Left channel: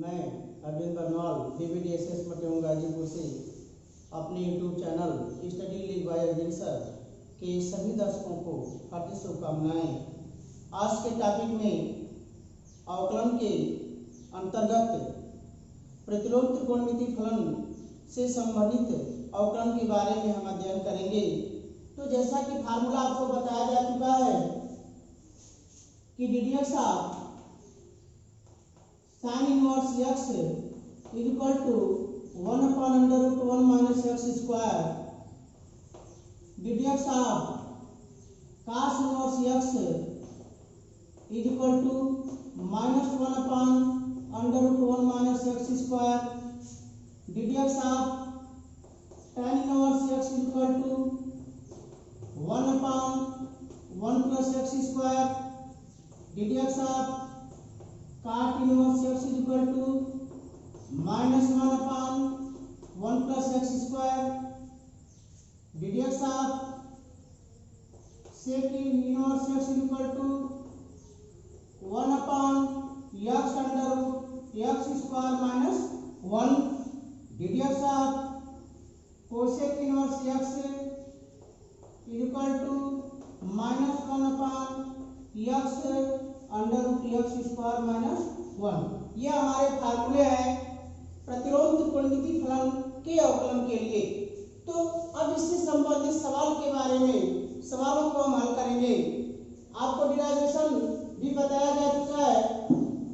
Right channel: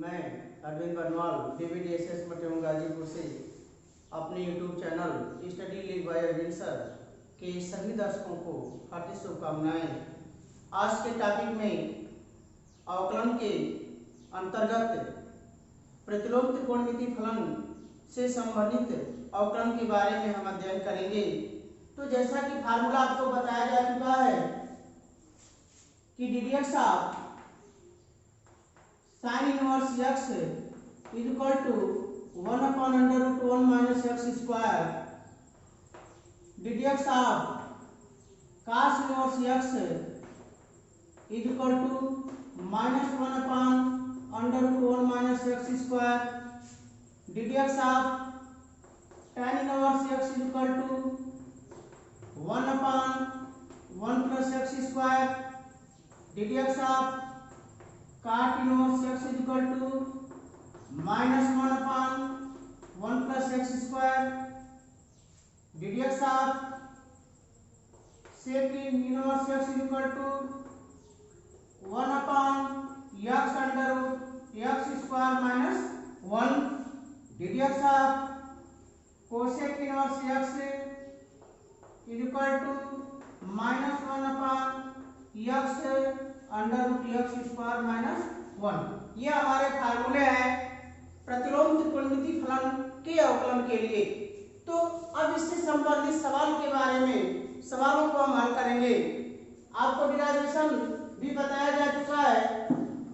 मैं अरविंद बरनवाल DBDSS मटेहूँ गाजीपुर से अपने YouTube channel study league by Arvind sir के सभी दर्शकों को हार्दिक शुभकामनाएं। आज के टॉपिक में अवकलन के अंतर्गत प्रतिलोम त्रिकोणमिति फलन से संबंधित अवकलन के बारे में हम अध्ययन करेंगे। तो जैसा कि फार्मूला आपको बताया जा चुका है कि ddx of sin inverse x is equal to 1 upon under root 1 minus x square, ddx of cos inverse x is equal to minus 1 upon under root 1 minus x square, ddx of tan inverse x is equal to 1 upon 1 plus x square, ddx of cot inverse x is equal to minus 1 upon 1 plus x square, ddx of sec inverse x is equal to 1 upon x under root x square minus 1, ddx of cosec inverse x is equal to minus 1 upon x under root x square minus 1। ये हमारे फार्मूले हैं प्रतिलोम त्रिकोणमिति फलन के अवकलन के लिए। तो अब इससे संबंधित सवाल के बारे में सवालों को हम हल करेंगे। आपको डिराइवेशन भी बताया जा चुका है,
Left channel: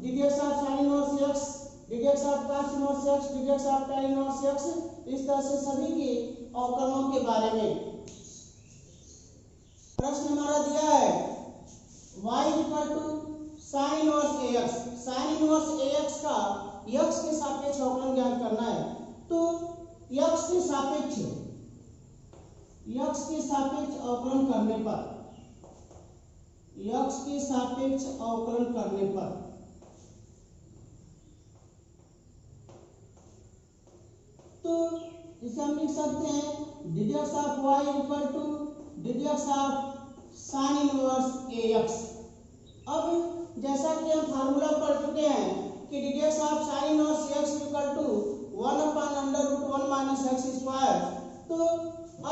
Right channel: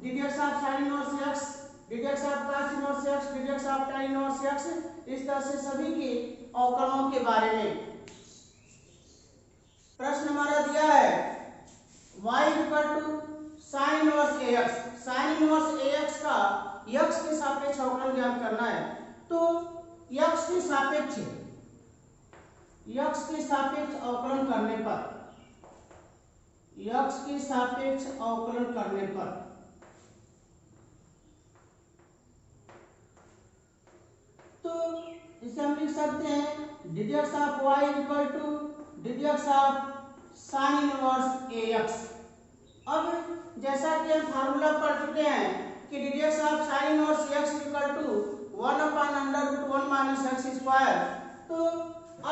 ddx of sin inverse x, ddx of cos inverse x, ddx of tan inverse x, इस तरह से सभी के अवकलनों के बारे में। प्रश्न हमारा दिया है y equal to sine inverse ax, sine inverse ax का x के सापेक्ष अवकलन ज्ञात करना है। तो x के सापेक्ष अवकलन करने पर, x के सापेक्ष अवकलन करने पर तो इसे हम लिख सकते हैं ddx of y equal to ddx of sine inverse ax। अब जैसा कि हम फार्मूला पढ़ चुके हैं कि ddx of sin inverse x equal to 1 upon under root 1 minus x square. तो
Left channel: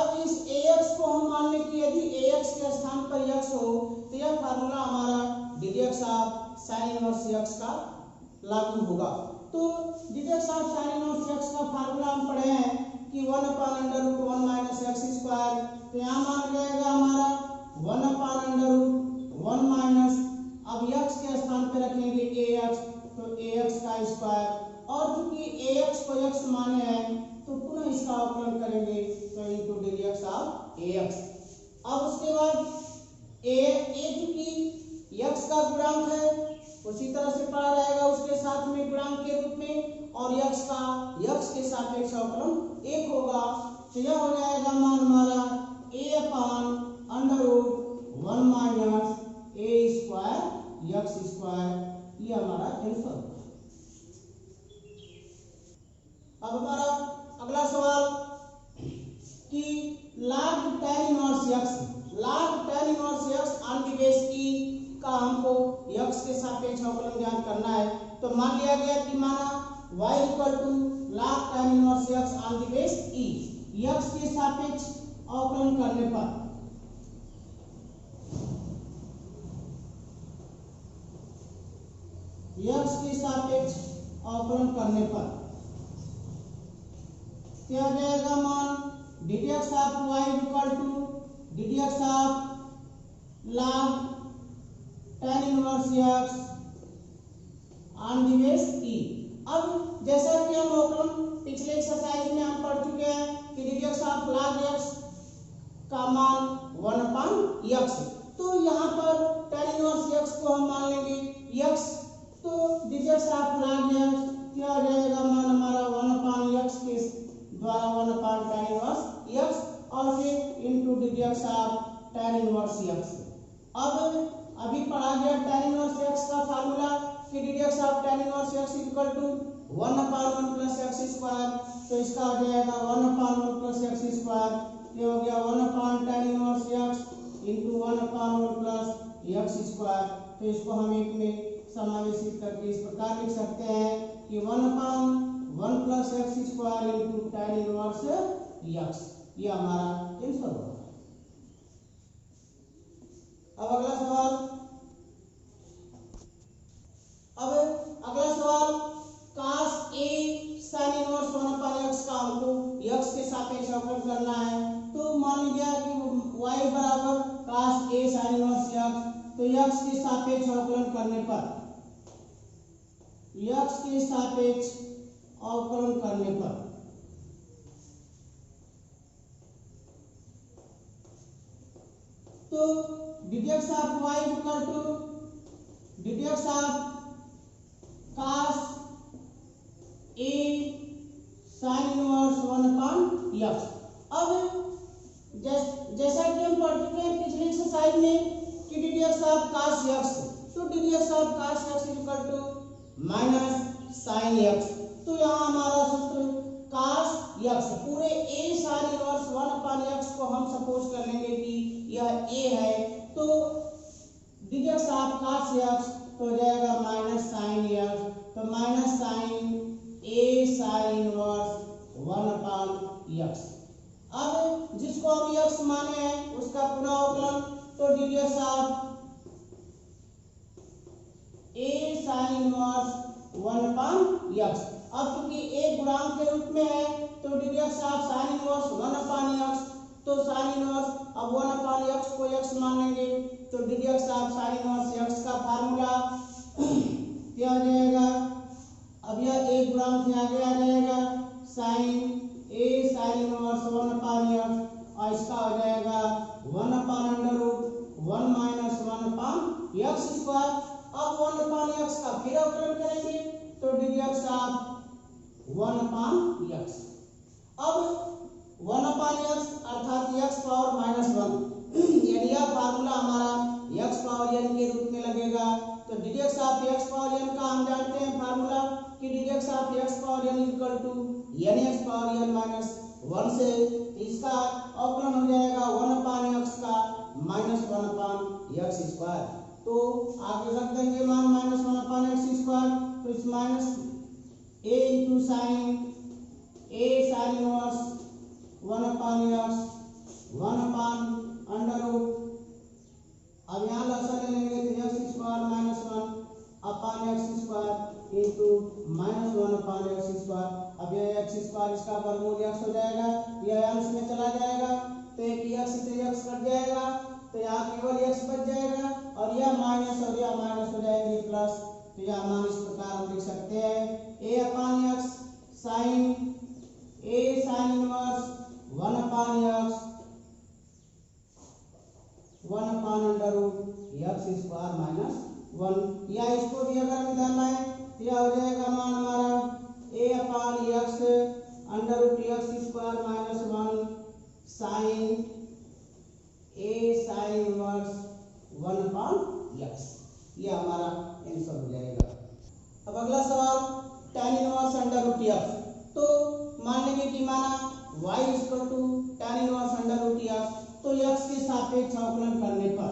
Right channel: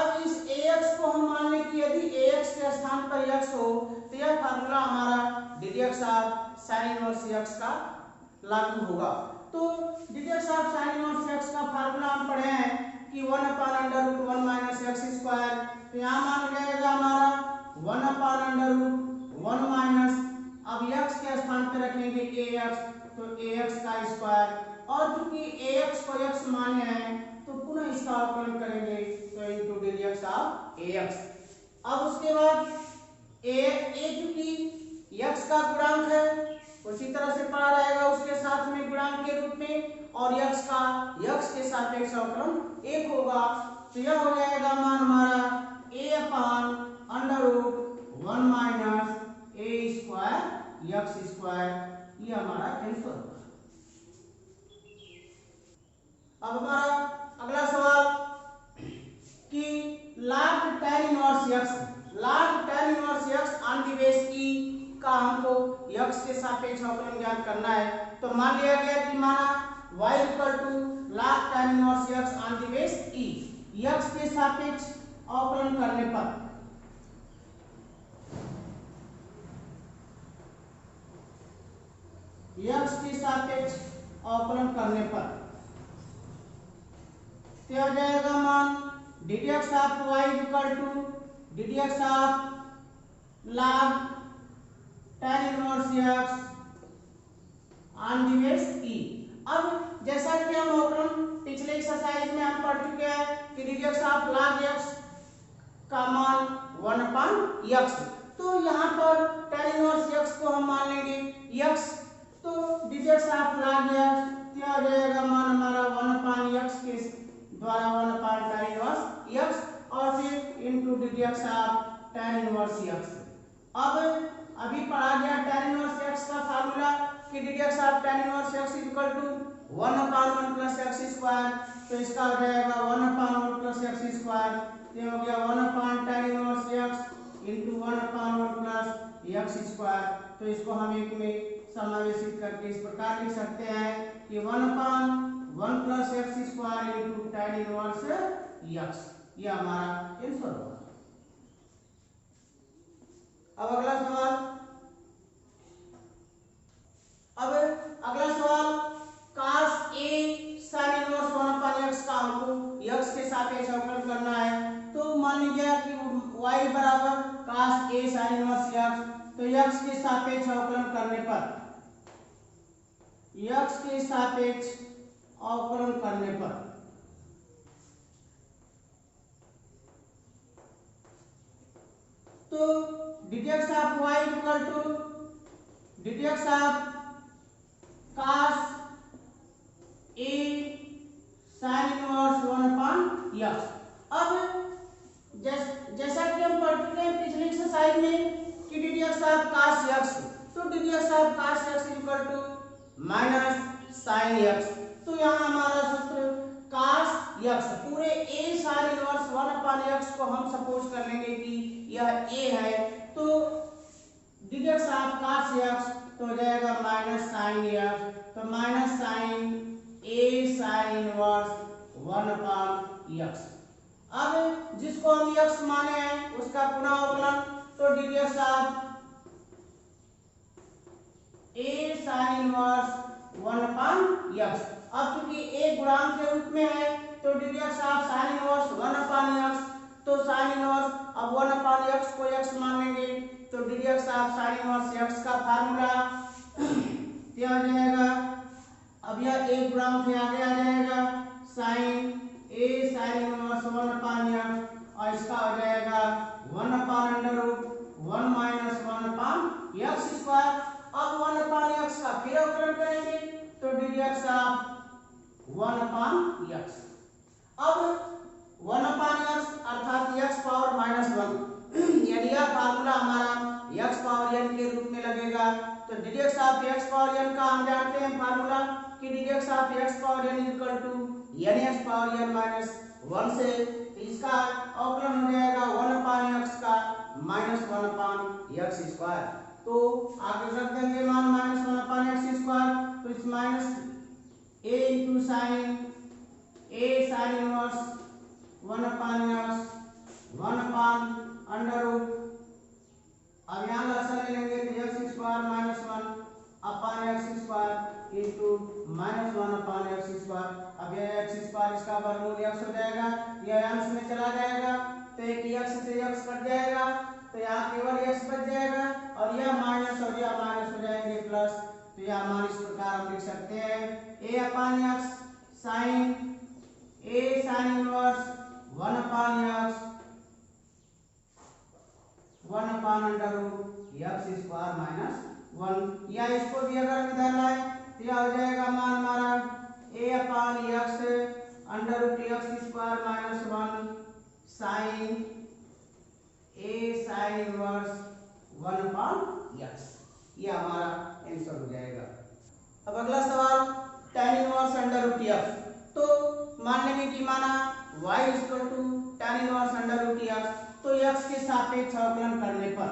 अब इस ax को हम मान लें कि यदि ax के स्थान पर x हो तो यह फार्मूला हमारा ddx of sin inverse x का लागू होगा। तो ddx of sin inverse x का फार्मूला हम पढ़े हैं कि 1 upon under root 1 minus x square. तो यहाँ मान जाएगा हमारा 1 अपॉन अंडर रूट 1 माइनस, अब x के स्थान पे रखेंगे ax, तो ax का स्क्वायर, और चूंकि ax को x माने हैं तो पुनः इसका अवकलन करेंगे तो इनटू ddx ऑफ ax। अब उसके बाद a चूंकि x का गुणांक है उसी तरह से पढ़ा रहेगा उसके साथ में गुणांक के रूप में, और x का x के सापेक्ष अवकलन 1 होगा। तो यह हो जाएगा मान हमारा a upon under root 1 minus a square x square, ये हमारा आंसर होगा। अब हमारा अगला सवाल कि log tan inverse x on the base e का हमको x के सापेक्ष अवकलन ज्ञात करना है। तो मान लिया गया कि माना y equal to log tan inverse x on the base e, x के सापेक्ष अवकलन करने पर x के सापेक्ष अवकलन करने पर क्या हो जाएगा मान ddx of y equal to ddx of log tan inverse x on the base e। अब जैसा कि हम अवकलन पिछले एक्सरसाइज में हम पढ़ चुके हैं कि ddx ऑफ log x का मान 1 अपॉन x, तो यहाँ पर tan इनवर्स x को हम मान लेंगे x, तो ddx ऑफ log x क्या हो जाएगा मान हमारा 1 अपॉन x के द्वारा 1 अपॉन tan इनवर्स x, और फिर into ddx of tan inverse x। अब अभी पढ़ा गया tan इनवर्स x का फार्मूला कि ddx of tan inverse x equal to 1 upon 1 plus x square. तो इसका हो जाएगा 1 अपॉन 1 प्लस x स्क्वायर, ये हो गया 1 upon tan inverse x into 1 upon 1 plus x square. तो इसको हम एक में समावेशित करके इस प्रकार लिख सकते हैं कि 1/1 plus x square into tan inverse x, ये हमारा आंसर होगा। अब अगला सवाल, cos A sin inverse 1/x का हमको x के सापेक्ष अवकलन करना है। तो मान लीजिए कि y बराबर cos A sin inverse x, तो x के सापेक्ष अवकलन करने पर तो dx of y equal to dx of cos A sin inverse 1/x। अब जैसा कि हम पढ़ चुके हैं पिछले एक्सरसाइज में कि dx ऑफ cos x, तो dx of cos x equal to minus sin x। तो यहाँ हमारा सूत्र cos x पूरे A sin इनवर्स 1/x को हम सपोज कर लेंगे कि यह A है, तो dx ऑफ cos x तो हो जाएगा माइनस sin x, तो minus sin A sin inverse 1/x। अब जिसको हम x माने हैं उसका पुनः अवकलन, तो dx of A sin inverse 1/x। अब क्योंकि A गुणांक के रूप में है तो dx of sin inverse 1/x, तो sin इनवर्स अब 1/x को x मान लेंगे, तो dx of sin inverse x का फार्मूला क्या आ जाएगा, अब यह A गुणांक से आगे आ जाएगा sin A sin inverse 1/x और इसका हो जाएगा 1/√1 माइनस 1/x स्क्वायर। अब 1/x का फिर अवकलन करेंगे तो dx ऑफ 1/x। अब 1/x अर्थात x पावर -1 यानी यह फार्मूला हमारा x पावर n के रूप में लगेगा। तो dx of x power n का हम जानते हैं फार्मूला कि dx of x power n equal to nx power n minus 1 से, इसका अवकलन हो जाएगा 1/x का -1/x स्क्वायर। तो आगे रख देंगे मान -1/x स्क्वायर, तो इस minus a into sine A sin inverse 1/x 1/√, अब यहाँ लसन ले लेंगे तो x square -1/x square into -1/x square. अब ये x स्क्वायर इसका वर्गमूल x हो जाएगा, यह अंश में चला जाएगा तो एक x से x कट जाएगा, तो यहाँ केवल x बच जाएगा और यह माइनस और यह माइनस हो जाएंगे प्लस। तो यह मान इस प्रकार हम लिख सकते हैं a/x sin A sin inverse 1/x 1/√x square minus 1, या इसको भी अगर निकालना है तो यह हो जाएगा मान हमारा a/x √x square minus 1 sin A sin inverse 1/x, यह हमारा आंसर हो जाएगा। अब अगला सवाल tan इनवर्स √x। तो मान लेंगे कि माना y equal to tan inverse √x, तो x के सापेक्ष अवकलन करने पर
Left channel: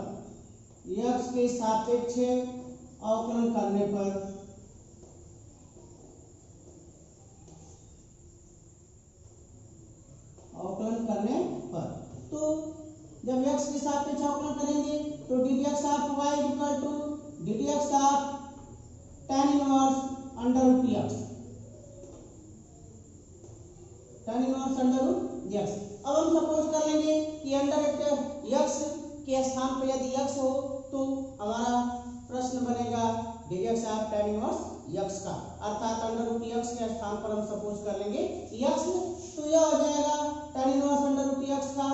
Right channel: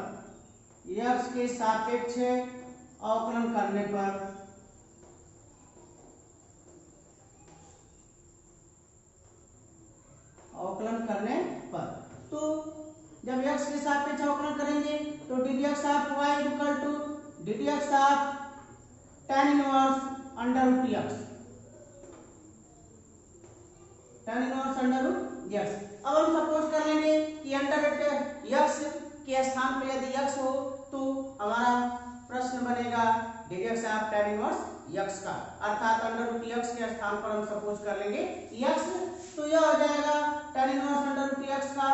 तो जब x के सापेक्ष अवकलन करेंगे तो dx of y equal to dx of tan inverse √x अब हम सपोज कर लेंगे कि x के स्थान पर यदि x हो तो हमारा प्रश्न बनेगा dx of tan inverse x का, अर्थात √x के स्थान पर हम सपोज कर लेंगे x, तो यह हो जाएगा tan इनवर्स √x का,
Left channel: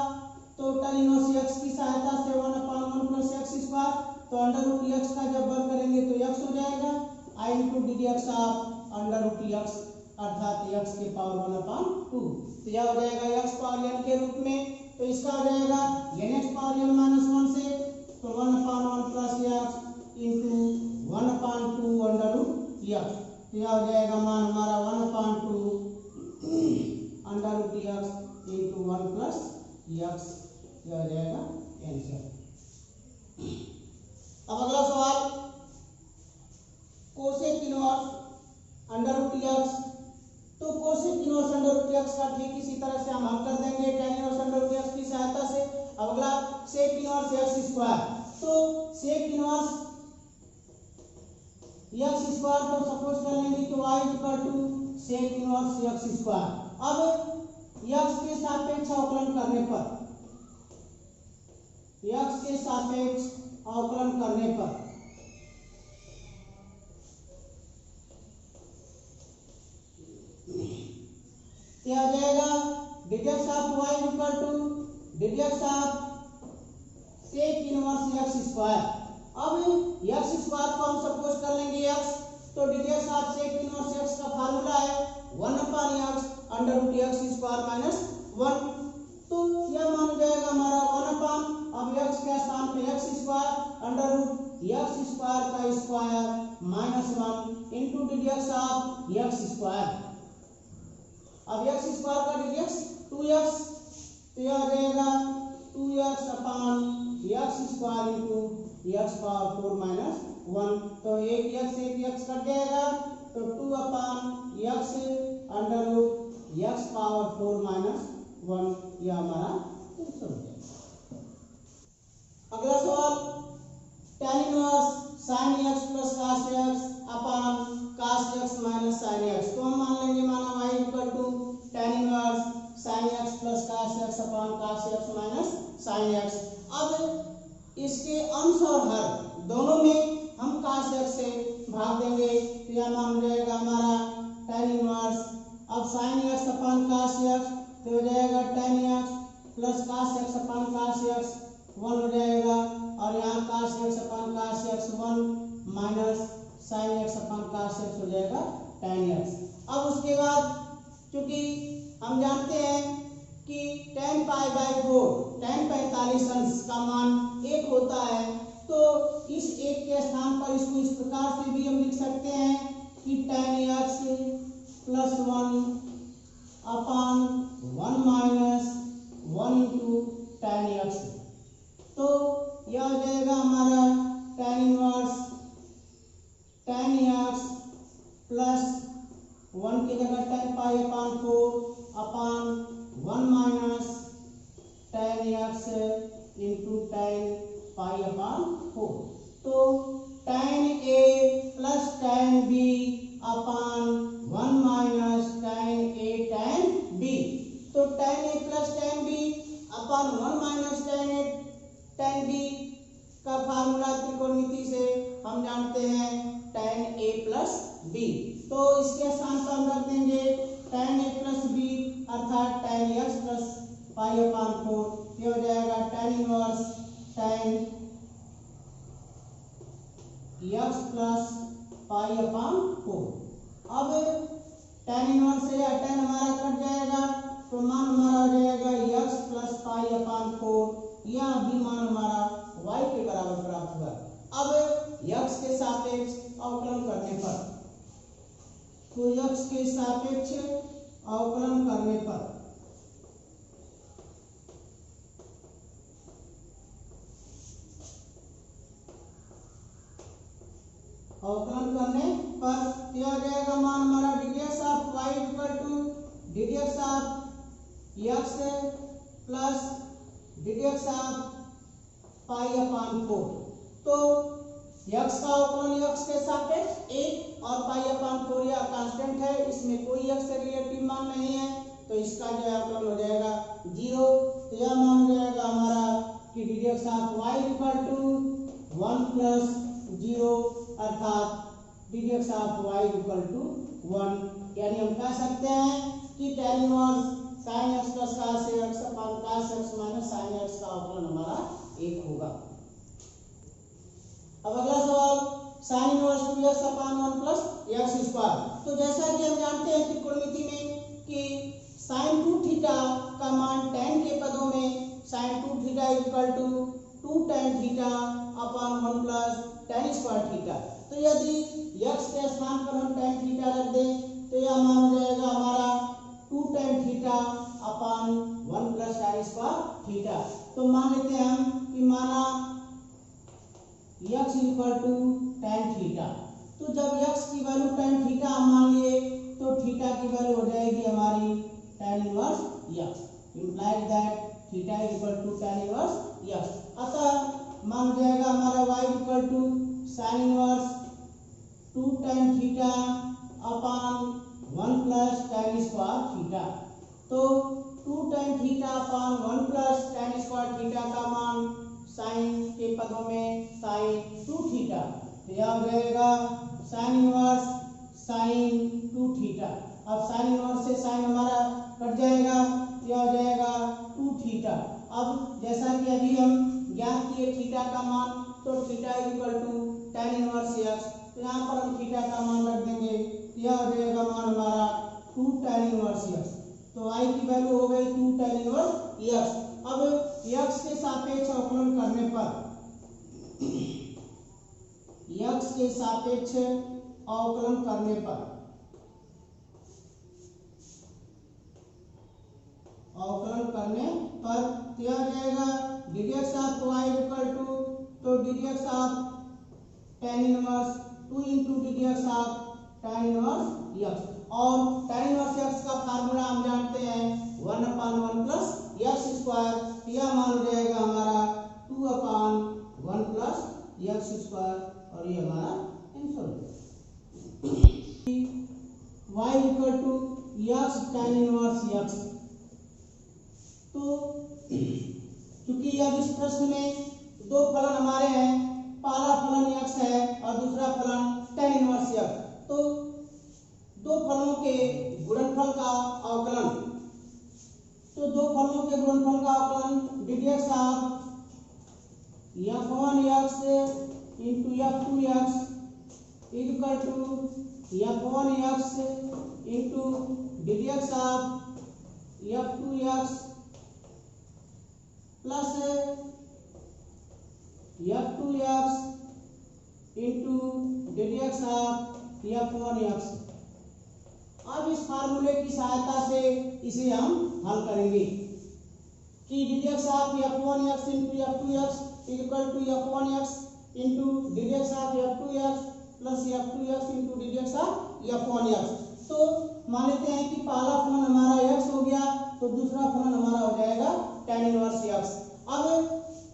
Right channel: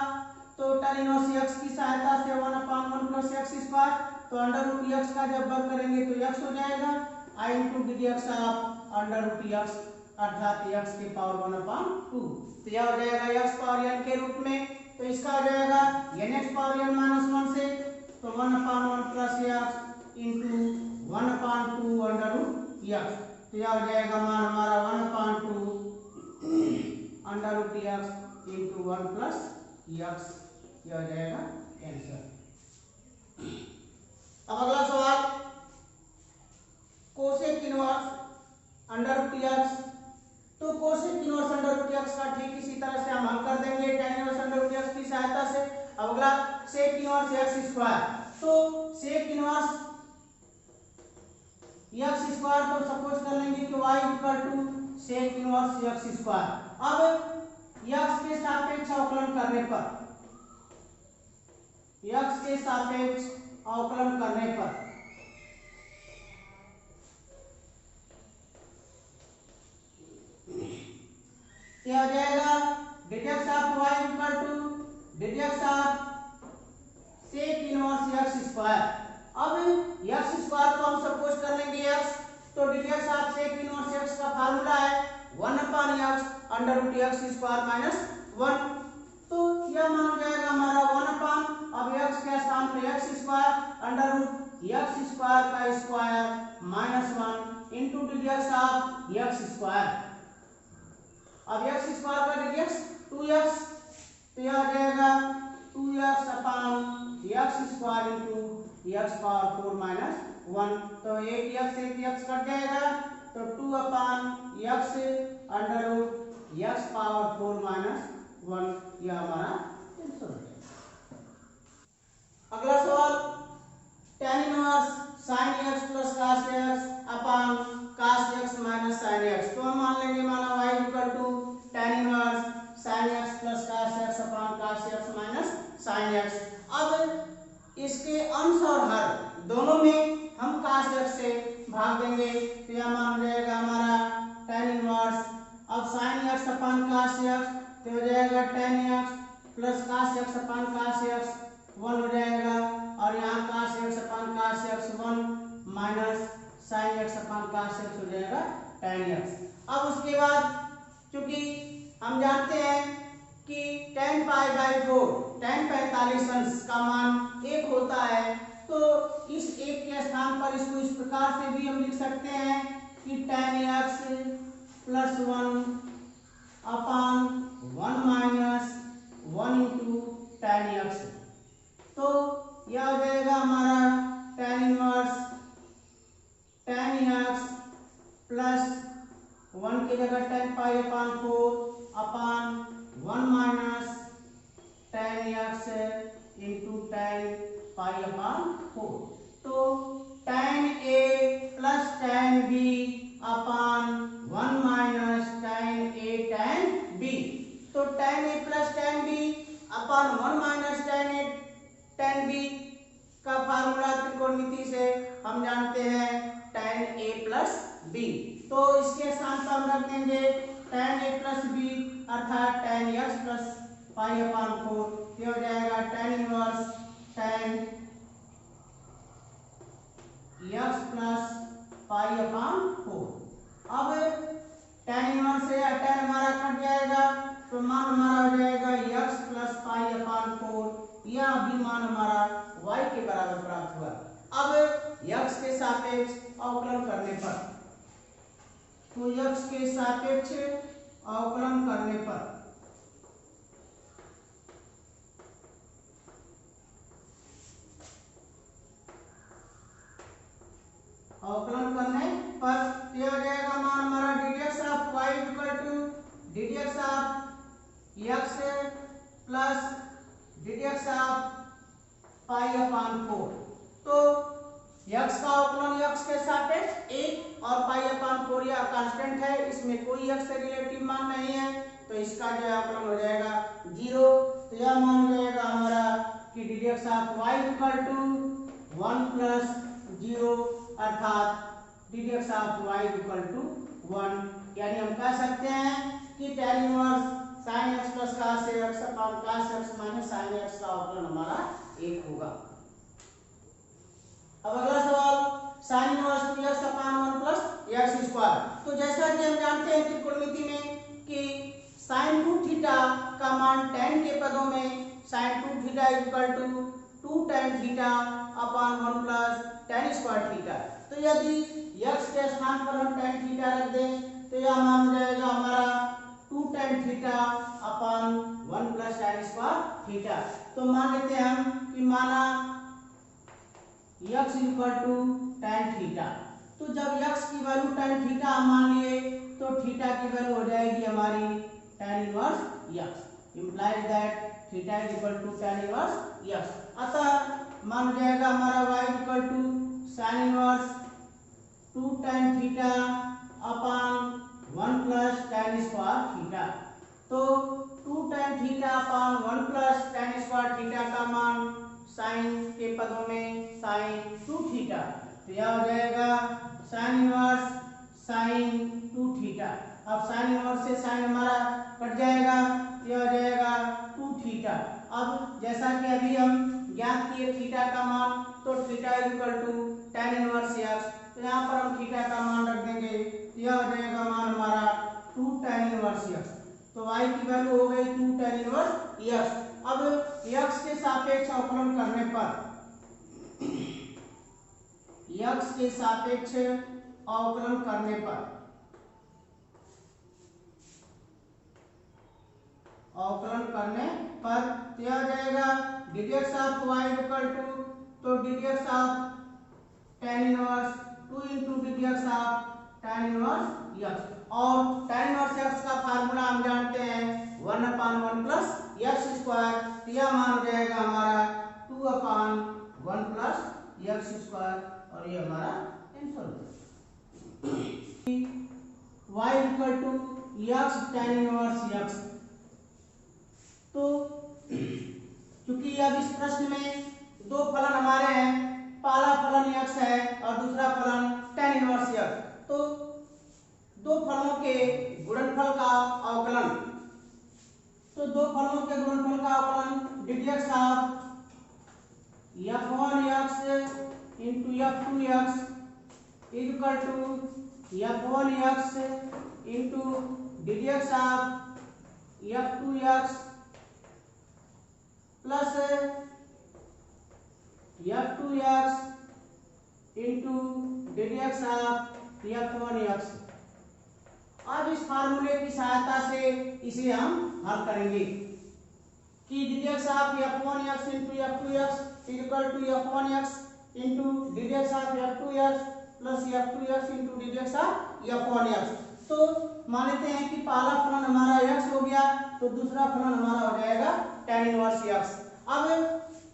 तो tan इनवर्स x की सहायता से 1/1 प्लस x स्क्वायर, तो √x का जब वर्ग करेंगे तो x हो जाएगा i into dx of √x अर्थात x के पावर 1/2, तो यह हो जाएगा x पावर n के रूप में, तो इसका हो जाएगा nx पावर n माइनस 1 से, तो 1/1 प्लस x इंटू 1/2 √x, तो यह हो जाएगा मान हमारा 1/2 √x इंटू 1 प्लस x, यह हो जाएगा आंसर। अब अगला सवाल तो सेक इनवर्स एक्स स्क्वायर को सपोज कर लेंगे कि y equal to sec inverse X square. अब एक्स के सापेक्ष अवकलन करने पर, एक्स के सापेक्ष अवकलन करने पर क्या हो जाएगा, deduct of y equal to deduct of sec inverse X square. अब एक्स स्क्वायर को हम सपोज कर लेंगे x, तो deduct of sec inverse x का फार्मूला है 1/x under root x square minus 1। तो यह मान हो जाएगा हमारा 1/, अब x के स्थान पे x square under root x square का square minus 1 into deduct of x square. अब एक्स स्क्वायर का डिडक्ट 2x, तो यह आ जाएगा 2x upon x square into x power 4 minus 1। तो एक x कट जाएगा, तो 2 upon x under root x power 4 minus 1, यह हमारा आंसर हो जाएगा। अगला सवाल, tan inverse sin x plus cos x upon cos x minus sin x। तो हम मान लेंगे माना y equal to tan inverse sin x plus cos x upon cos x minus sin x। अब इसके अंश और हर दोनों में हम cos x से भाग देंगे, तो यह मान हो जाएगा हमारा tan इनवर्स, अब sin x upon cos x तो हो जाएगा tan x plus cos x upon cos x 1 हो जाएगा, और यहाँ cos x upon cos x 1 minus sin x upon cos x हो जाएगा tan x। अब उसके बाद क्योंकि हम जानते हैं कि tan π/4 tan 45 अंश का मान 1 होता है, तो इस 1 के स्थान पर इसको इस प्रकार से भी हम लिख सकते हैं कि tan x plus 1 upon 1 minus 1 into tan x। तो यह हो जाएगा हमारा tan inverse tan x plus 1 की जगह tan π/4 upon 1 minus tan x into tan π/4। तो tan a plus tan b upon 1 minus tan a tan b। तो tan a plus tan b upon 1 minus tan a tan b का formula त्रिकोणमिति से हम जानते हैं tan a प्लस b। तो इसके स्थान पर हम रख देंगे tan a प्लस b अर्थात tan x प्लस π/4। ये हो जाएगा tan inverse tan x plus π/4। अब tan इनवर्स से यह tan हमारा कट जाएगा, तो मान हमारा हो जाएगा x प्लस π/4, यह भी मान हमारा y के बराबर प्राप्त हुआ। अब x के सापेक्ष अवकलन करने पर, तो x के सापेक्ष अवकलन करने पर यह हो जाएगा मान हमारा deduct of y equal to deduct of x plus deduct of π/4। तो x का अवकलन x के सापेक्ष 1 और π/4 यह कांस्टेंट है, इसमें कोई x से रिलेटिव मान नहीं है, तो इसका जो है अवकलन हो जाएगा 0। तो यह मान हो जाएगा हमारा कि deduct of y equal to 1 plus 0 अर्थात deduct of y equal to 1। यानी हम कह सकते हैं कि tan inverse sin x plus cos x upon cos x minus sin x का अवकलन हमारा 1 होगा। अब अगला सवाल, sin inverse 2x upon 1 plus x square. तो जैसा कि हम जानते हैं त्रिकोणमिति में कि sin 2 थीटा का मान tan के पदों में sin 2 theta equal to 2 tan theta upon 1 plus tan square theta. तो यदि x के स्थान पर हम tan थीटा रख दें, तो यह मान हो जाएगा हमारा 2 tan theta upon 1 plus tan square theta. तो मान लेते हैं हम कि माना x equal to tan theta. तो जब x की वैल्यू tan थीटा हम मान लिए, तो थीटा की वैल्यू हो जाएगी हमारी tan inverse x, implies that theta is equal to tan inverse x। अतः मान हो जाएगा हमारा y equal to sine inverse 2 tan theta upon 1 plus tan square theta. तो 2 tan theta upon 1 plus tan square theta का मान sign के पदों में साइन 2 थीटा, तो यह हो जाएगा साइन इनवर्स साइन 2 थीटा। अब साइन इनवर्स से साइन हमारा कट जाएगा, यह हो जाएगा 2 थीटा। अब जैसा कि अभी हम ज्ञात किए थीटा का मान, तो theta equal to tan inverse x, तो यहाँ पर हम थीटा का मान रख देंगे, यह हो जाएगा मान हमारा 2 tan इनवर्स x। तो y की वैल्यू हो गई 2 tan इनवर्स x। अब x के सापेक्ष अवकलन करने पर, x के सापेक्ष अवकलन करने पर यह हो जाएगा ddx of y equal to, तो ddx of tan inverse 2 into ddx of tan inverse x। और tan इनवर्स x का फार्मूला हम जानते हैं 1/1 प्लस x स्क्वायर, यह मान हो जाएगा हमारा 2/1 प्लस x स्क्वायर, और ये हमारा आंसर हो जाएगा। y equal to x tan inverse x। तो क्योंकि अब इस प्रश्न में दो फलन हमारे हैं, पहला फलन x है और दूसरा फलन tan इनवर्स x, तो दो फलों के गुणनफल का अवकलन, तो दो फलों के गुणनफल का अवकलन ddx of f1x into f2x equal to f1x into ddx of f2x plus f2x into ddx of f1x। अब इस फार्मूले की सहायता से इसे हम हल करेंगे कि ddx of f1x into f2x equal to f1x into ddx of f2x plus f2x into ddx of f1x। तो मान लेते हैं कि पहला फलन हमारा x हो गया, तो दूसरा फलन हमारा हो जाएगा tan इनवर्स x। अब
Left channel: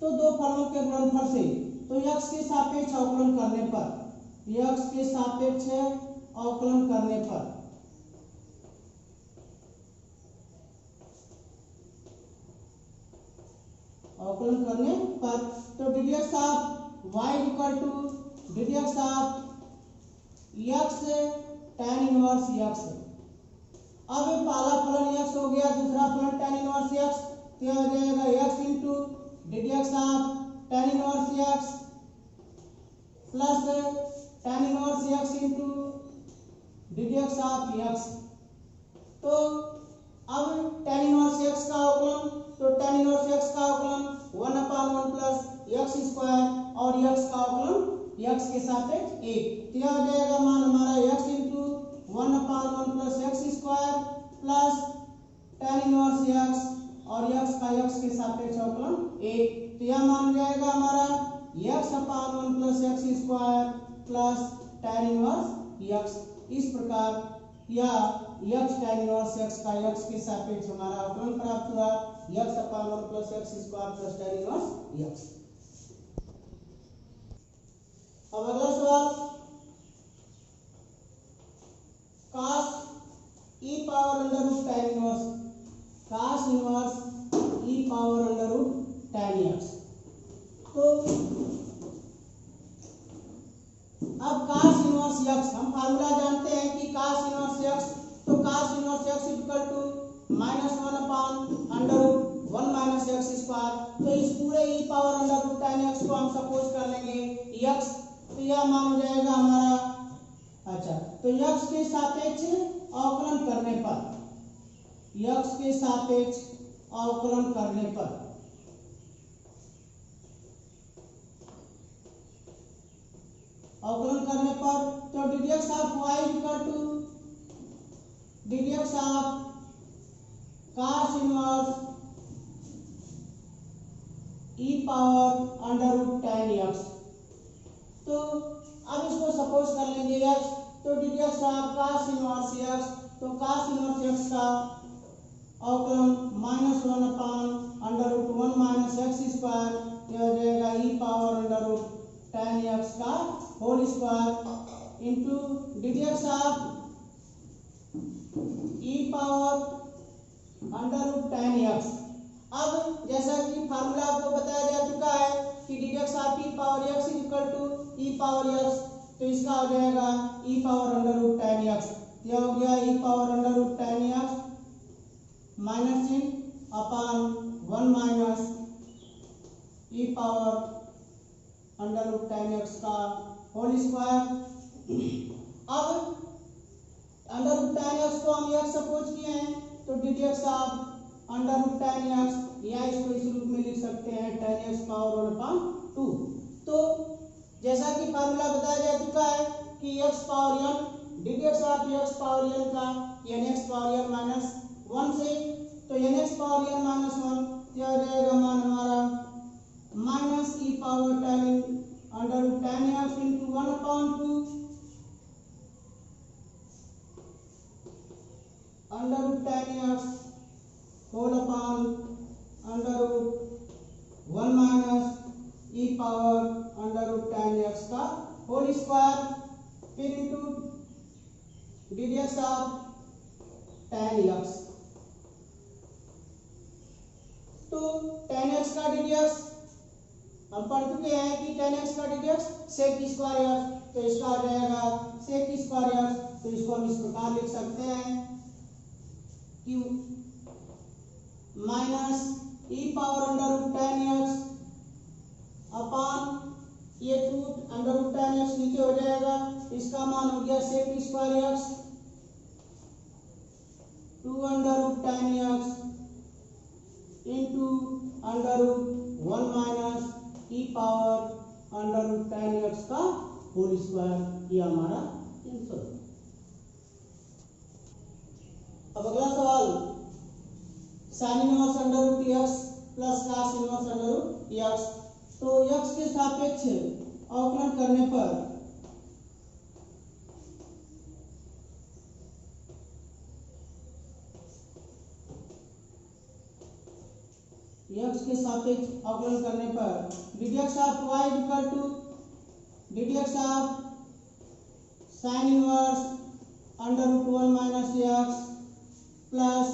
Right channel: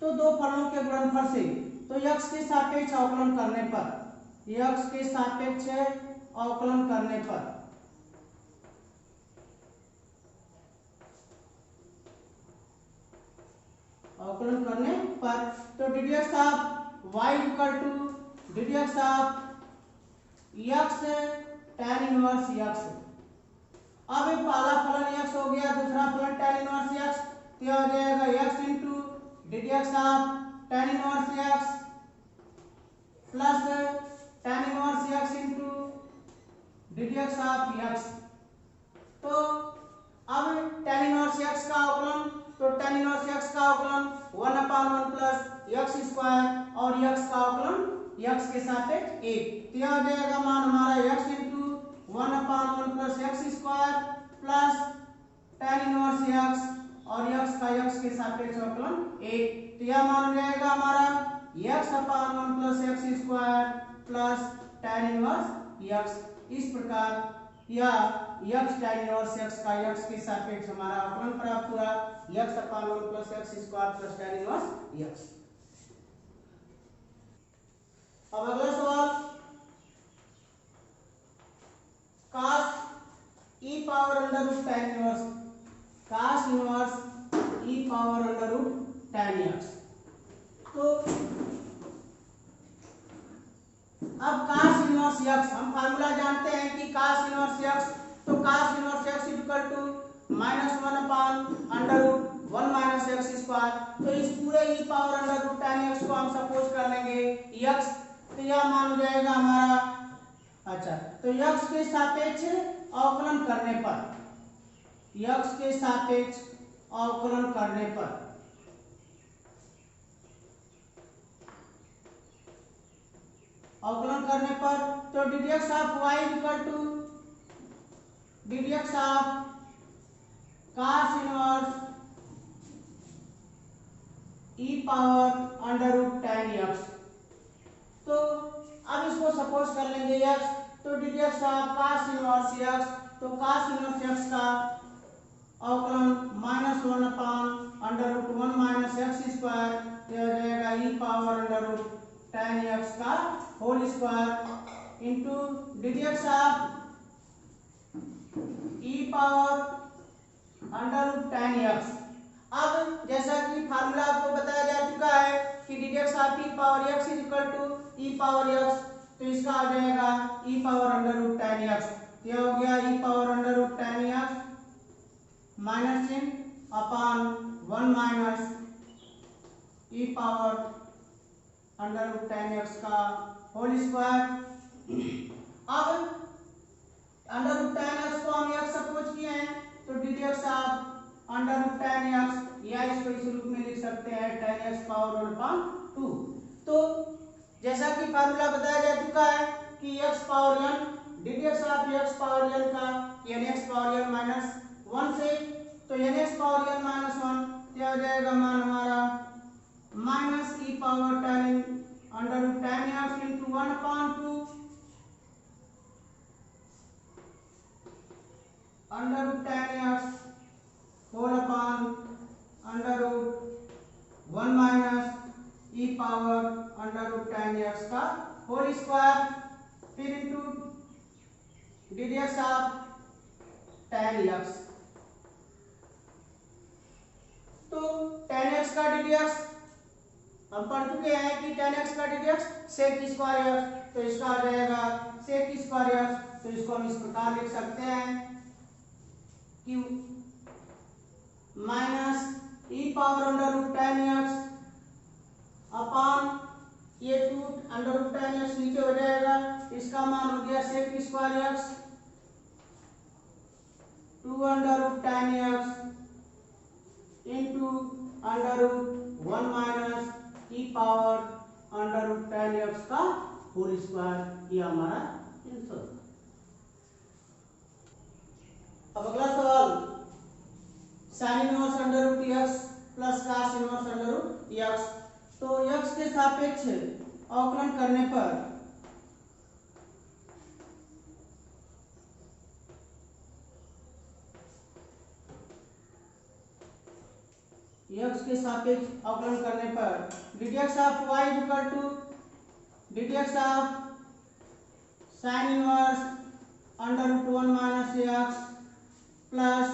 तो दो फलनों के गुणनफल से, तो x के सापेक्ष अवकलन करने पर, x के सापेक्ष अवकलन करने पर तो ddx of y equal to ddx of x tan inverse x। अब पहला फलन x हो गया, दूसरा फलन tan इनवर्स x, तो यह हो जाएगा x into ddx of tan inverse x plus tan inverse x into ddx of x। तो अब tan इनवर्स x का अवकलन, तो tan इनवर्स x का अवकलन 1/1 प्लस x स्क्वायर और x का अवकलन x के सापेक्ष 1, तो यह हो जाएगा मान हमारा x into 1/1 plus x square plus tan inverse x और x का x के सापेक्ष अवकलन 1, तो यह मान हो जाएगा हमारा x/1 plus x square plus tan inverse x। इस प्रकार यह x tan इनवर्स x का x के सापेक्ष हमारा अवकलन प्राप्त हुआ, x/1 plus x square plus tan inverse x। अब अगला सवाल, cos e power under root tan inverse, cos inverse e power under root tan x। तो अब cos इनवर्स x, हम फार्मूला जानते हैं कि cos इनवर्स x, तो cos इनवर्स x इक्वल टू -1/√1 माइनस x स्क्वायर। तो इस पूरे e power under root tan x को हम सपोज कर लेंगे x, तो यह मान हो जाएगा हमारा, अच्छा, तो x के सापेक्ष अवकलन करने पर, x के सापेक्ष अवकलन करने पर तो ddx of y equal to ddx of cos inverse e power under root tan x। तो अब इसको सपोज कर लेंगे x, तो ddx of cos inverse x, तो cos इनवर्स x का अवकलन -1/√1 माइनस एक्स स्क्वायर, यह हो जाएगा ई पावर √tan x का whole square into ddx of E power √tan x। अब जैसा कि फार्मूला आपको बताया जा चुका है कि ddx of E power x is equal to E power x, तो इसका हो जाएगा ई पावर √tan x। यह हो गया ई पावर √tan x माइनस चिन्ह upon 1 minus e power √tan x का होल स्क्वायर। अब √tan x को हम x सपोज किए हैं, तो ddx ऑफ √tan x या इसको इस रूप में लिख सकते हैं tan x पावर 1/2। तो जैसा कि फार्मूला बताया जा चुका है कि x power n ddx of x power n का nx पावर n माइनस 1 से, तो nx पावर n माइनस 1 यह हो जाएगा मान हमारा minus e power tan x into 1/2 √tan x whole upon √1 minus e power √tan x का whole square, फिर into ddx of tan x। तो tan x का ddx हम पढ़ चुके हैं कि tan x का ddx sec स्क्वायर x, तो इसका आ जाएगा sec स्क्वायर x। तो इसको हम इस प्रकार लिख सकते हैं कि minus e power √tan x upon ये 2 √tan x नीचे हो जाएगा, इसका मान हो गया sec square x 2 √tan x into √1 minus e power √tan x का होल स्क्वायर। ये हमारा आंसर। अब अगला सवाल sin inverse √x plus cos inverse √x। तो x के सापेक्ष अवकलन करने पर x के सापेक्ष अवकलन करने पर ddx of y equal to ddx of sin inverse √1 minus x plus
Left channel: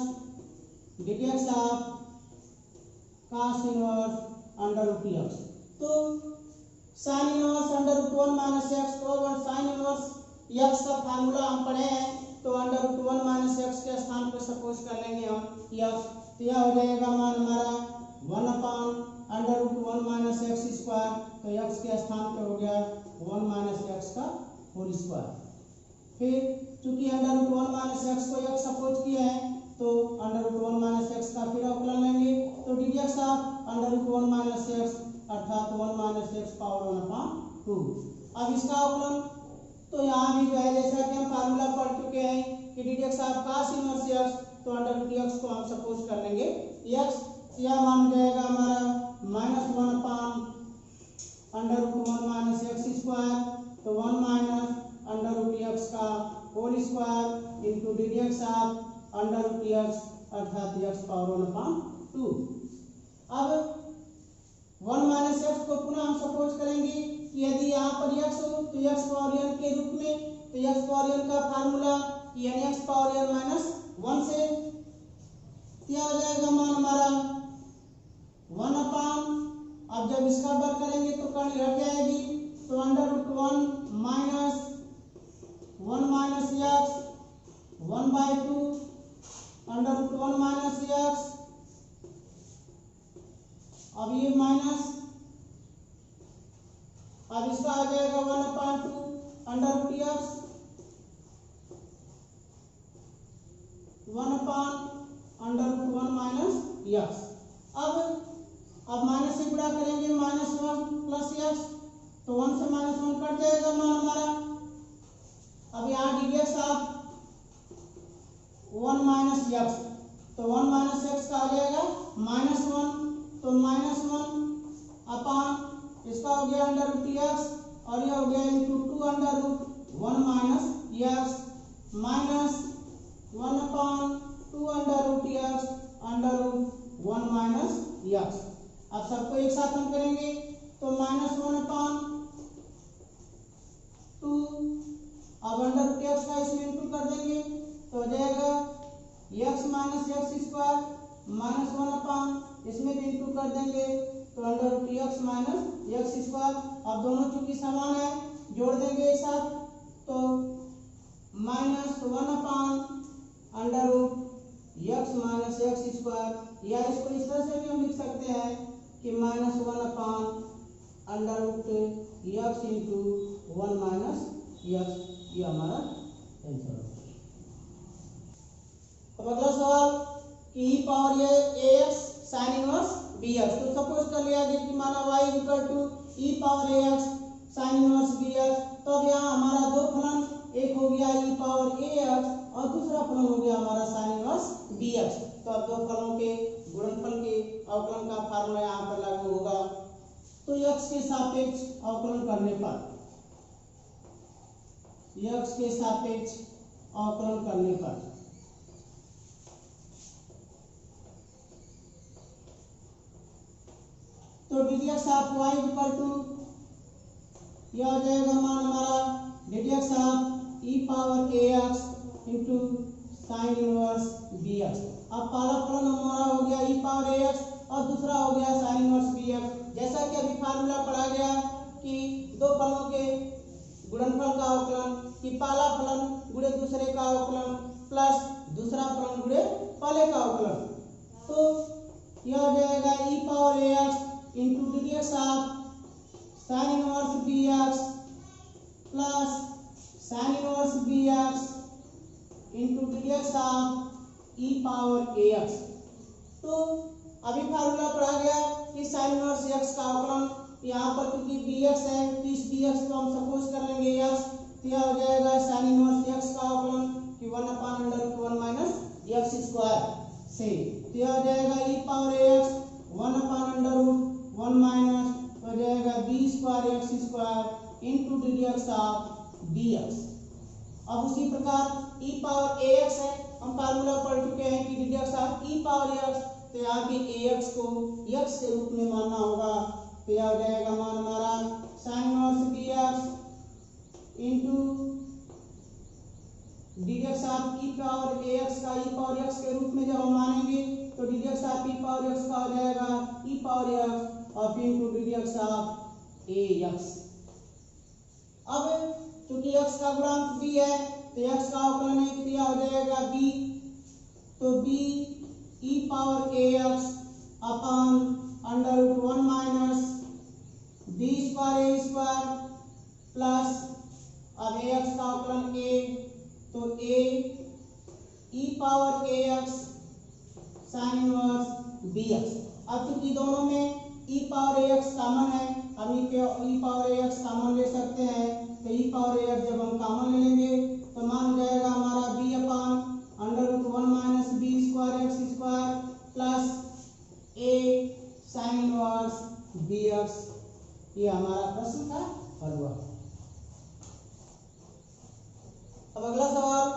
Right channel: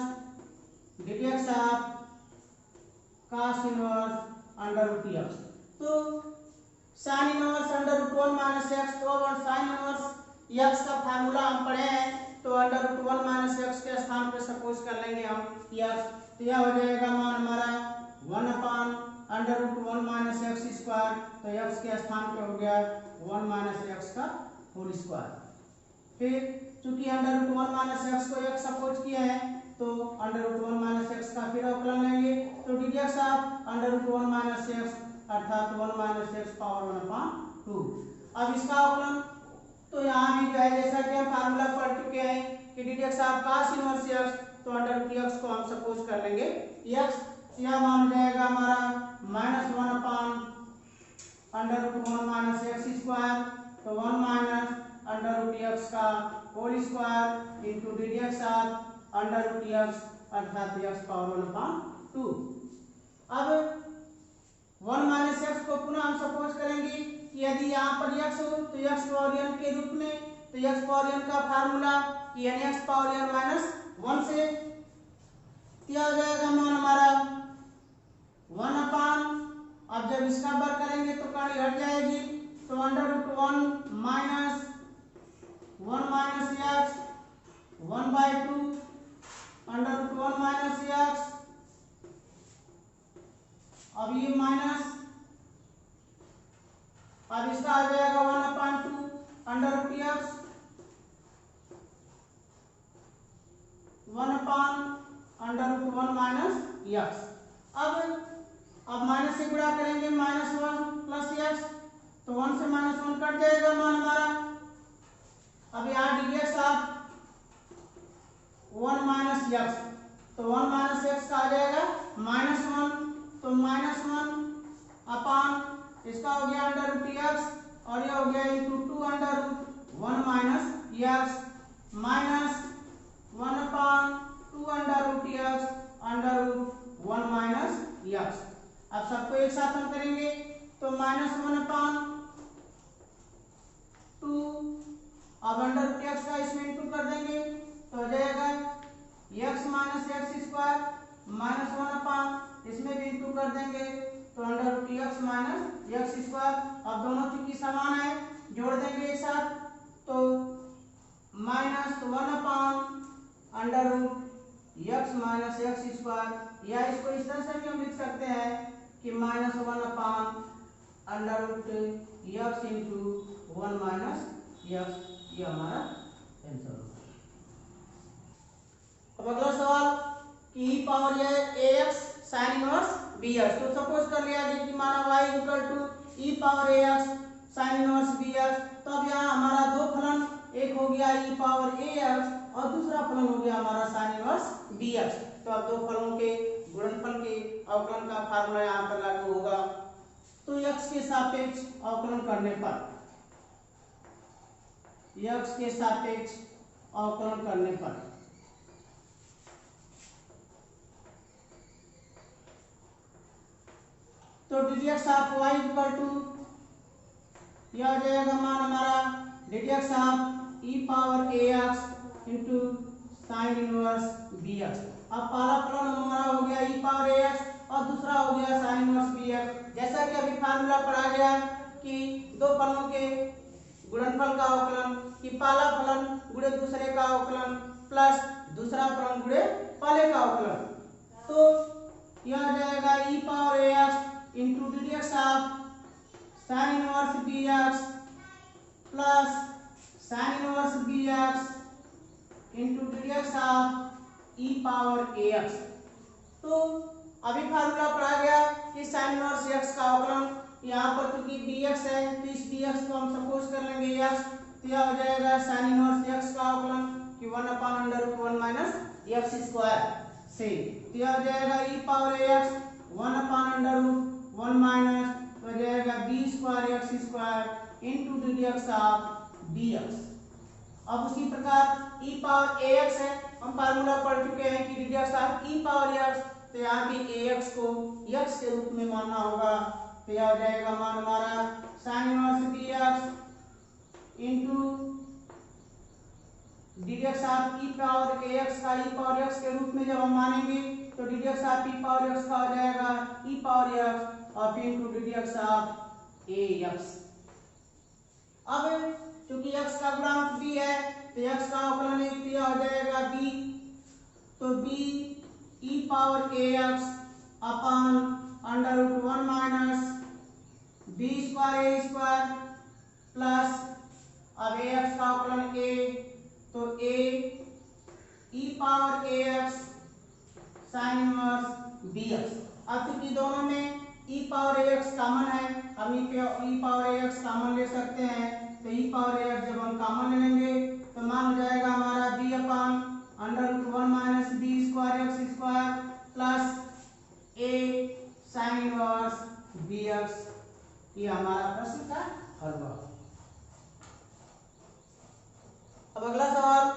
ddx of cos inverse √x। तो sin इनवर्स √1 माइनस x, तो अब sin इनवर्स x का फार्मूला हम पढ़े हैं, तो √1 माइनस x के स्थान पर सपोज कर लेंगे हम x, तो यह हो जाएगा मान हमारा 1/√1 माइनस x स्क्वायर, तो x के स्थान पे हो गया 1 माइनस x का होल स्क्वायर। फिर चूंकि √1 माइनस x को x सपोज किया है, तो √1 माइनस x का फिर अवकलन लेंगे, तो ddx ऑफ √1 माइनस x अर्थात 1 माइनस x पावर 1/2। अब इसका अवकलन तो यहाँ भी जो है जैसा कि हम फार्मूला पढ़ चुके हैं कि ddx of cos inverse x, तो √x को हम सपोज कर लेंगे x, यह मान जाएगा हमारा -1/√1 माइनस x स्क्वायर, तो 1 माइनस √x का whole square into ddx of √x अर्थात x पावर 1/2। अब 1 माइनस x को पुनः हम सपोज करेंगे कि यदि यहाँ पर x हो तो x पावर n के रूप में, तो x पावर n का formula nx power n minus 1 से, क्या हो जाएगा मान हमारा 1/, अब जब इसका वर्ग करेंगे तो कर्ण घट जाएगी, तो √1 minus 1 minus x 1/2 √1 minus x, अब ये माइनस, अब इसका आ जाएगा 1/2 √x 1/√1 माइनस x। अब माइनस से गुणा करेंगे -1 प्लस x, तो 1 से -1 कट जाएगा मान हमारा। अब यहाँ ddx ऑफ 1 माइनस x, तो 1 माइनस x का आ जाएगा -1, तो -1 अपॉन इसका हो गया √x और यह हो गया into 2√1 minus x minus 1/2 √x 1 minus x. अब सबको एक साथ हम करेंगे तो -1 अपान 2, अब अंडर रूट एक्स का इसमें इंटू कर देंगे तो आ जाएगा x minus X square -1 upon इसमें भी इंटू कर देंगे तो under root X minus X square. अब दोनों चूंकि समान है जोड़ देंगे एक साथ तो -1 upon under root X minus X square, या इसको इस तरह से भी हम लिख सकते हैं कि -1 upon under root X into 1 minus X. ये हमारा आंसर होगा। अब अगला सवाल कि e पावर ये ax sin इनवर्स bx। तो सपोज कर लिया कि माना y equal to e power ax sin inverse bx। तो अब यहाँ हमारा दो फलन, एक हो गया e पावर ax और दूसरा फलन हो गया हमारा sin इनवर्स bx। तो अब दो फलनों के गुणनफल के अवकलन का फार्मूला यहाँ पर लागू होगा। तो x के सापेक्ष अवकलन करने पर, x के सापेक्ष अवकलन करने पर तो ddx of y equal to यह हो जाएगा मान हमारा ddx of e power ax into sine inverse bx। अब पहला फलन हमारा हो गया e पावर ax और दूसरा हो गया साइन इनवर्स bx। जैसा कि अभी फार्मूला पढ़ा गया कि दो फलनों के गुणनफल का अवकलन, कि पहला फलन गुणे दूसरे का अवकलन प्लस दूसरा फलन गुणे पहले का अवकलन। तो यह हो जाएगा e power ax into ddx of sine inverse bx plus sine inverse bx into ddx of e power ax। तो अभी फार्मूला पढ़ा गया कि साइन इनवर्स x का अवकलन, यहाँ पर क्योंकि bx है तो इस bx को हम सपोज कर लेंगे x। तो यह हो जाएगा साइन इनवर्स x का अवकलन कि 1 upon under root 1 minus X square से। तो यह हो जाएगा e power ax 1 upon under root 1 minus हो जाएगा b square x square into ddx of bx। अब उसी प्रकार e पावर ax है, हम फार्मूला पढ़ चुके हैं कि ddx of e power x। तो यहाँ भी ax को x के रूप में मानना होगा। तो यह हो जाएगा मान हमारा sign inverse bx into ddx of e power ax का e पावर x के रूप में जब हम मानेंगे तो ddx of e power x का हो जाएगा e पावर x और फिर इंटू ddx ऑफ ax। अब चूंकि x का गुणांक b है तो x का अवकलन एक क्रिया हो जाएगा b। तो b e power ax upon under root 1 minus b square a square plus अब ax का अवकलन a तो a e power ax sine inverse bx। अब चूंकि दोनों में e पावर ax कॉमन है, हम e पावर ax कॉमन ले सकते हैं। तो e पावर ax जब हम कॉमन ले लेंगे तो मान हो जाएगा हमारा b upon under root 1 minus b square x square plus a sine inverse bx। ये हमारा प्रश्न का हल हुआ। अब अगला सवाल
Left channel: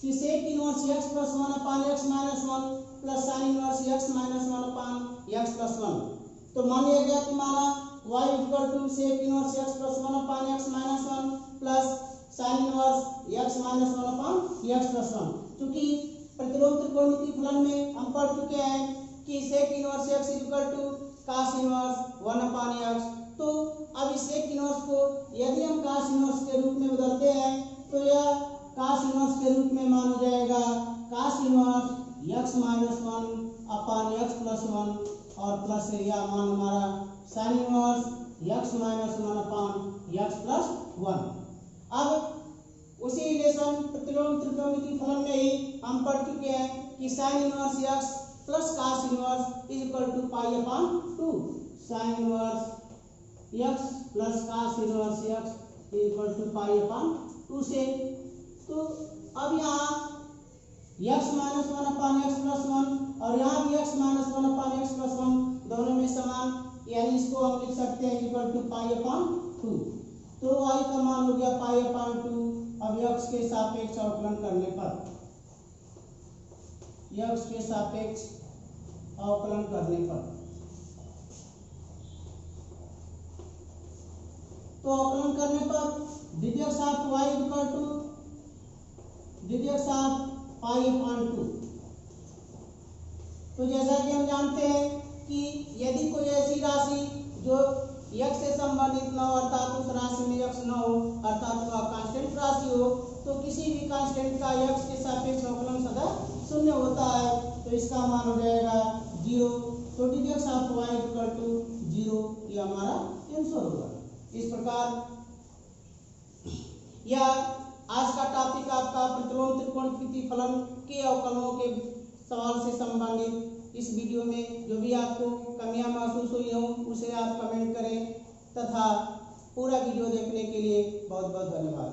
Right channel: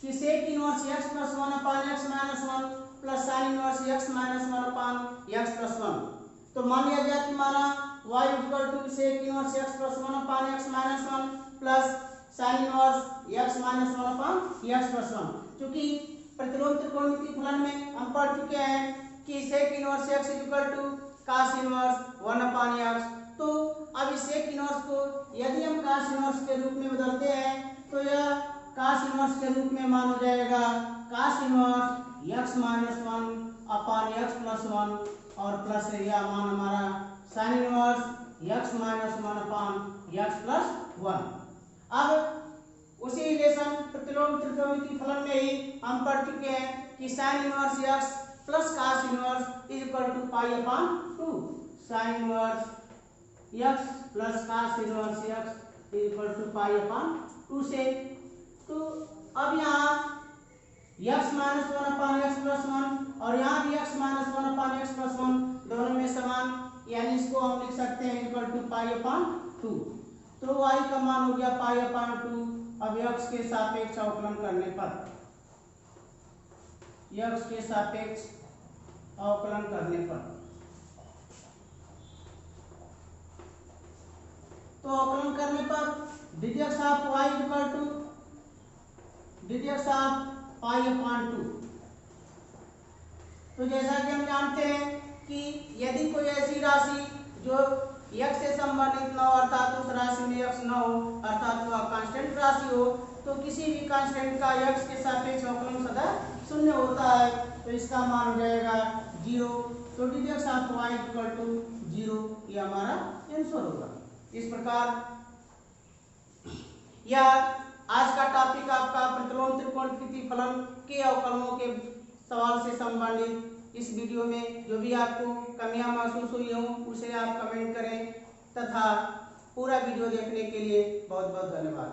कि sec inverse x plus 1 upon x minus 1 plus sine inverse x minus 1 upon x plus 1। तो मान लिया जाए कि माना y equal to sec inverse x plus 1 upon x minus 1 plus sine inverse x minus 1 upon x plus 1। क्योंकि प्रतिलोम त्रिकोणमितीय फलन में हम पढ़ चुके हैं कि sec inverse x equal to cos inverse 1 upon x। तो अब इस सेक इनवर्स को यदि हम cos इनवर्स के रूप में बदलते हैं तो यह cos इनवर्स के रूप में मान हो जाएगा cos inverse x minus 1 upon x plus 1 और प्लस यह मान हमारा sin inverse x minus 1 upon x plus 1। अब उसी रिलेशन प्रतिलोम त्रिकोणमितीय फलन में ही हम पढ़ चुके हैं कि sin inverse x plus cos inverse is equal to pi upon 2। sin inverse x plus cos inverse x is equal to pi upon 2 से। तो अब यहाँ x minus 1 upon x plus 1 और यहाँ भी x minus 1 upon x plus 1 दोनों में समान, यानी इसको हम लिख सकते हैं इक्वल टू पाई अपान 2। तो y का मान हो गया पाई अपान 2। अब x के सापेक्ष अवकलन करने पर x के सापेक्ष अवकलन करने पर। तो अवकलन करने पर ddx of y equal to ddx of pi upon 2। तो जैसा कि हम जानते हैं कि यदि कोई ऐसी राशि जो x से संबंधित न हो, अर्थात उस राशि में x न हो, अर्थात वह कांस्टेंट राशि हो, तो किसी भी कांस्टेंट का x के सापेक्ष अवकलन सदा शून्य होता है। तो इसका मान हो जाएगा 0। तो ddx of y equal to 0, ये हमारा आंसर होगा। इस प्रकार यह आज का टॉपिक आपका प्रतिलोम त्रिकोण फलन के अवकलनों के सवाल से संबंधित। इस वीडियो में जो भी आपको कमियां महसूस हुई हों उसे आप कमेंट करें तथा पूरा वीडियो देखने के लिए बहुत बहुत धन्यवाद।